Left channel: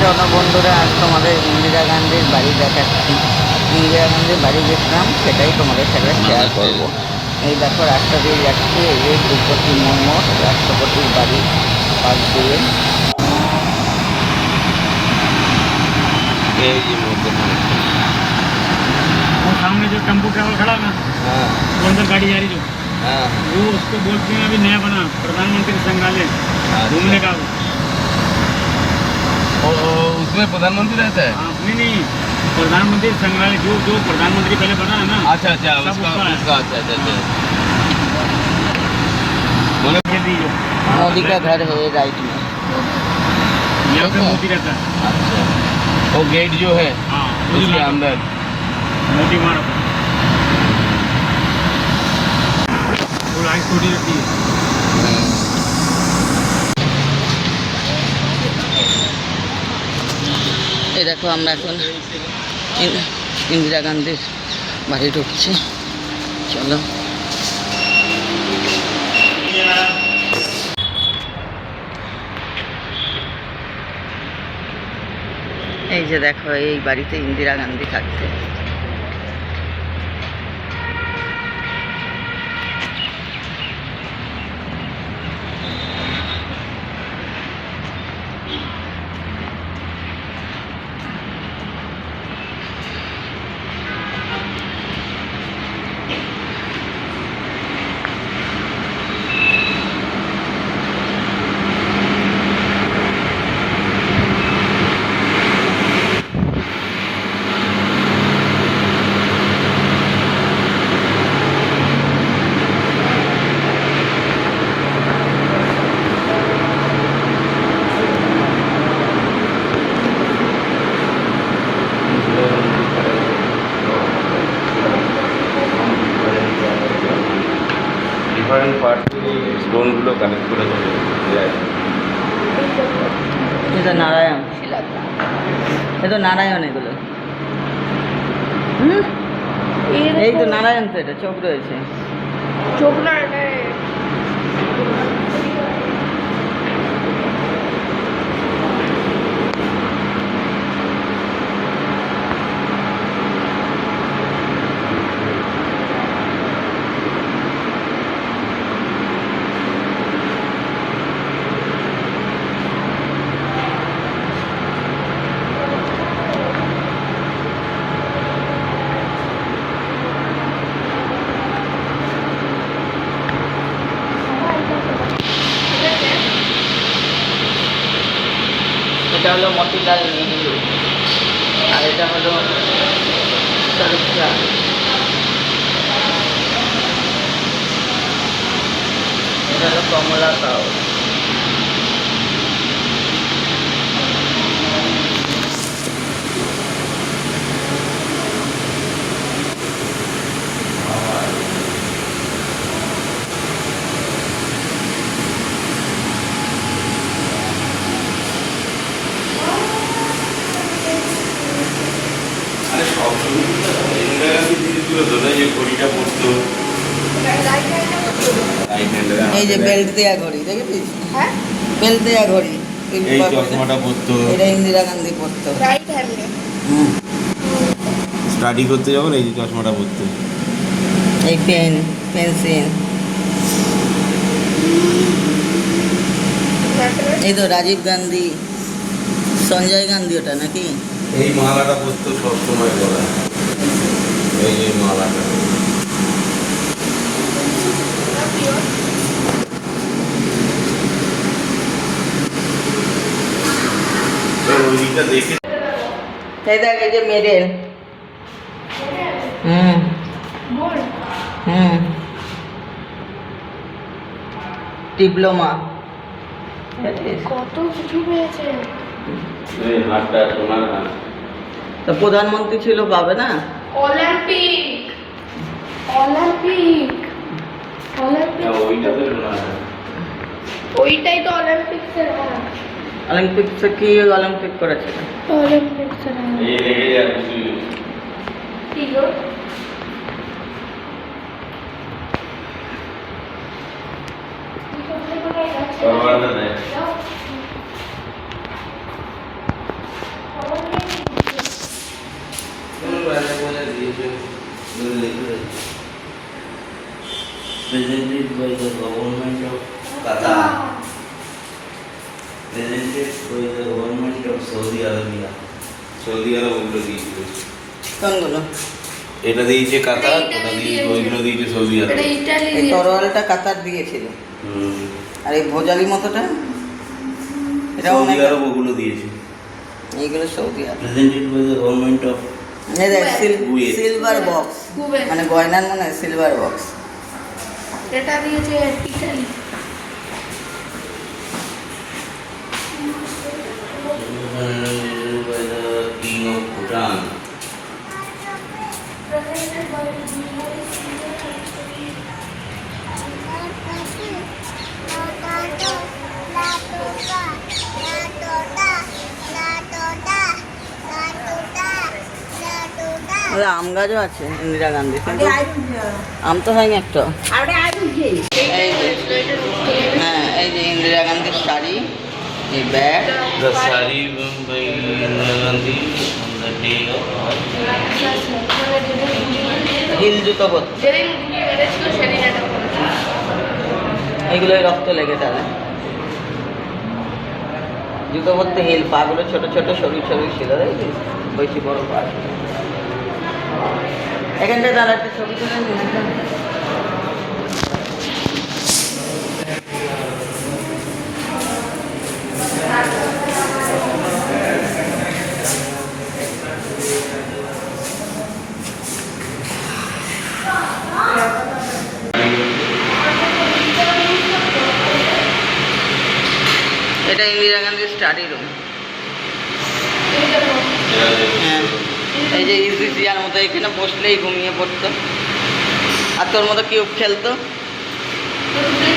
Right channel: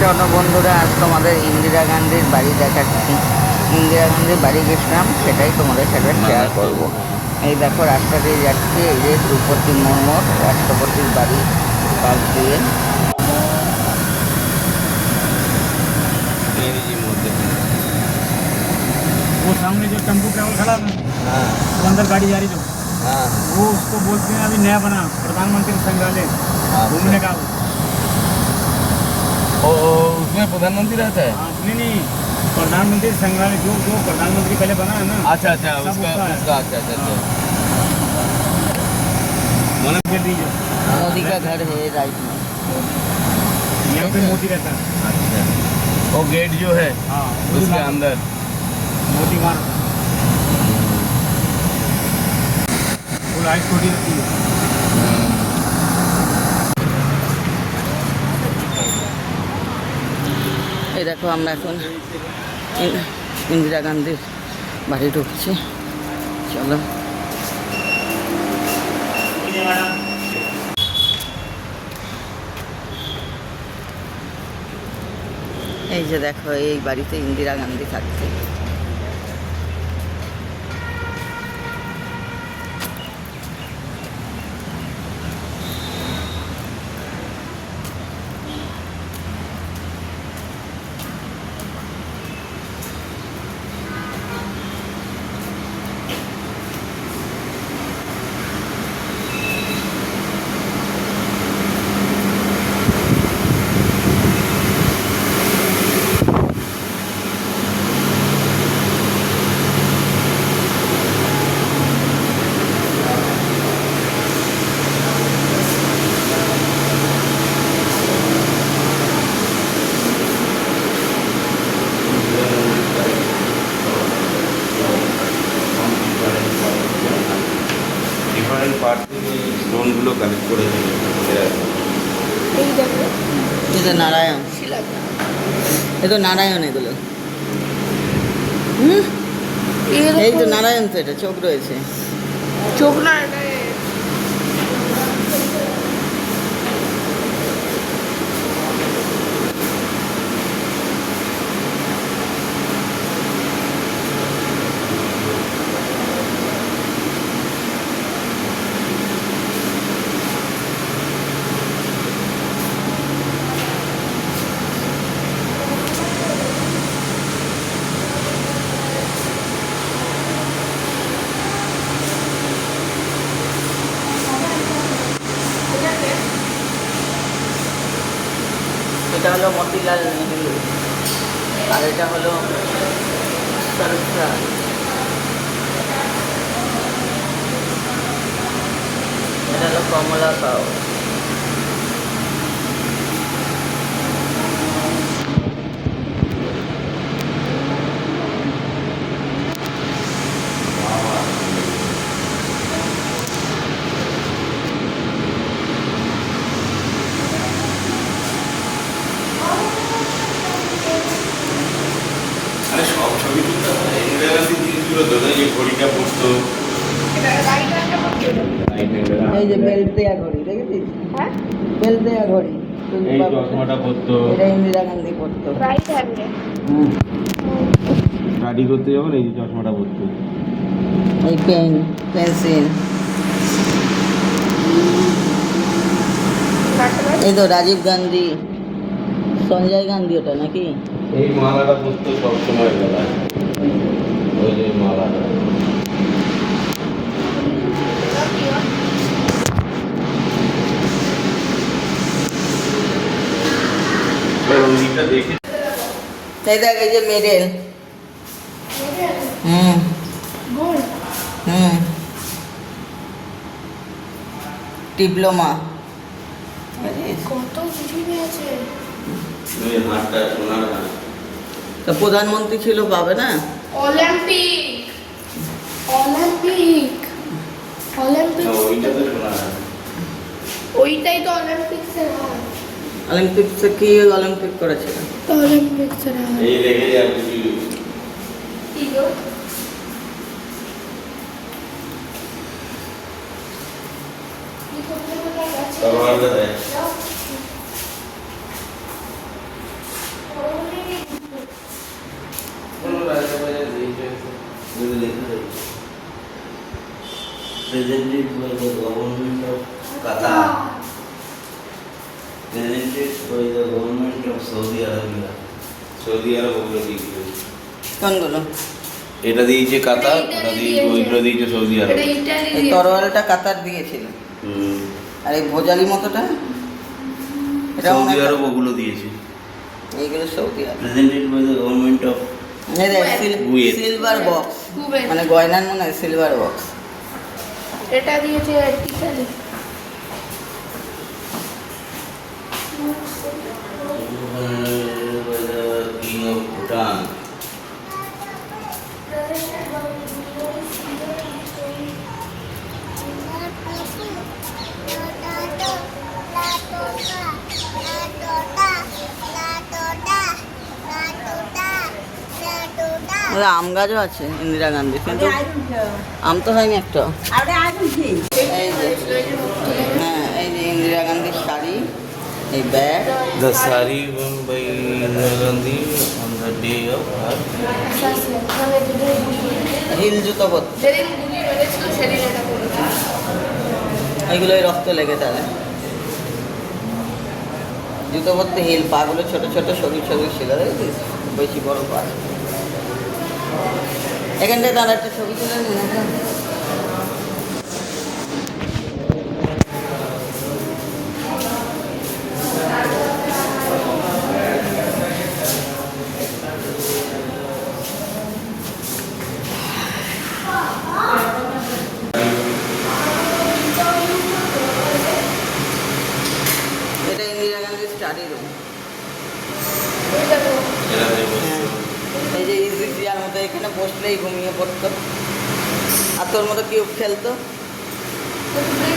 চলো বন্ধুরা, আজ তোমাদের ইন্দিরা গান্ধীর বাড়ি দেখাচ্ছি। ইন্দিরা গান্ধীর বাড়ি গেছিলাম, সেটাই তোমাদের সাথে শেয়ার করব। এই দেখো, রাস্তা দিয়ে যাচ্ছি, এই যে দ্রৌপদী মুর্মুর রাষ্ট্রপতির বাড়ি পাশ দিয়ে। वो सामने जो टेम्पो ट्रेवल खड़ा है वो अंदर गाड़ी जा रही जो वो उसको बोलते हैं अभी नया बना प्रधानमंत्री संग्रहालय घूमने का। उसमें प्रधानमंत्री रहता है? हाँ, नहीं प्रधानमंत्री संग्रहालय जो जो प्रधानमंत्री पहले बना है ना। अच्छा अच्छा, सब उसका उसका है। उसका अच्छा अच्छा चल रही जो मोदी का घर है ये राइट में। यहाँ पे मोदी रहता है। अच्छा, वो गेट जो है हाँ, उसके अंदर मोदी मारो वो लाइट छोटी रहती है। এই দেখো, আমরা এখন ইন্দিরা গান্ধীর বাড়ি ঢুকছি। চলো, এই যে দেখো, এই বাড়িতে ইন্দিরা গান্ধী থাকতেন। ডিফারেন্ট পার্ট থেকে স্টোনগুলো কালেক্ট করে দিল। এটা নারায়ণ, এটা নারায়ণ, এগুলো এই তো নারায়ণ, তো এটা চোখ রয়েছে। চোখ না, এটা এটা হলো মতিলাল নেহরু, আর এটা হলো শাহরুখ খান। এটা হলো কমলা সাউ। ঘড়িটা পড়তো, এই যে বেল্ট দেয়া ঘড়ি, দেখেছিস? হ্যাঁ, বেল্ট দেয়া ঘড়ি। এই চশমাটা পড়তো। এটা ইন্দিরা গান্ধী পড়তো। রাইট হ্যান্ডে। স্টাডি করতে যখন এই চশমাটা পড়তো। এই পেন, পেন্সিল। এই তো রাজীব গান্ধী, সঞ্জয় গান্ধী, ওটা নাকি? এই মালাটা পড়তো সবসময় গলায়, এই মালাটা। দেখে এই দেখ, এই যে মেডেল। হুম হুম, ডিপ্লোমা। কত কিছু পেয়েছে। এই হাতটা সোনার হাত। তা প্রধানমন্ত্রী ছিল, পাবে না? অলিম্পিক অলিম্পিক অলিম্পিক ওইটা তো সোনার হাত। ওইটাই তো অলিম্পিক্সের হাত। অলিম্পিক্সে কি অলিম্পিক করেছে? অলিম্পিক্সের হাত। এই লেগে যায় কিছু। কি গো? তরবারটা দেয়। presented by the government of Qatar, presented by the government of Saudi Arabia. সৌদি আরব ওগুলো দিয়েছে, কোনগুলো? এটা দিয়েছে কাতার, এটা ওটা ইতালি দিয়ে দিয়েছে। ওইগুলো দিয়েছে সৌদি আরব। এটা ইটালি এই তরোয়ালটা কাতার দিয়েছিল, হুম। আর এই ভোজালি মতোটা এটা সৌদি অনেক, আরব ওগুলো দিয়েছে। এইগুলো Saudi Arab. Presented by the government of Kuwait. Silver box, Kuwait. মানে গয়নার মনে হয় সিলভার বক্স। এটা দিয়েছে ইটালি। King of Bhutan. তাহলে আম গাছও আছে ইন্দিরা গান্ধী, কিন্তু আম তো হয়নি একটা। এই যে, হ্যাঁ এই যে ইন্দিরা গান্ধীর শাড়ি, এই bag, The saree worn by Indira Gandhi on the day of her heel জুতো পরতো, যেদিন দিদি মেরেছিল সেদিন এটা করেছে। এগুলোই রক্ত লেগে তাহলে। জুতো পরতে হিল, পাগুলো ছোট ছোট সরু সরু ছিল, এই যে, বেশি বড় পা। এখানটা তার একটা ছবি ছিল না? এটা ইন্দিরা গান্ধীর স্টাডি রুম। এই দেখো, হ্যাঁ, এই যে ইজি চেয়ার মতো, এখানে বসলেই ঘুমিয়ে পড়তো, আর তোর মতো কিউব খেলতো। এই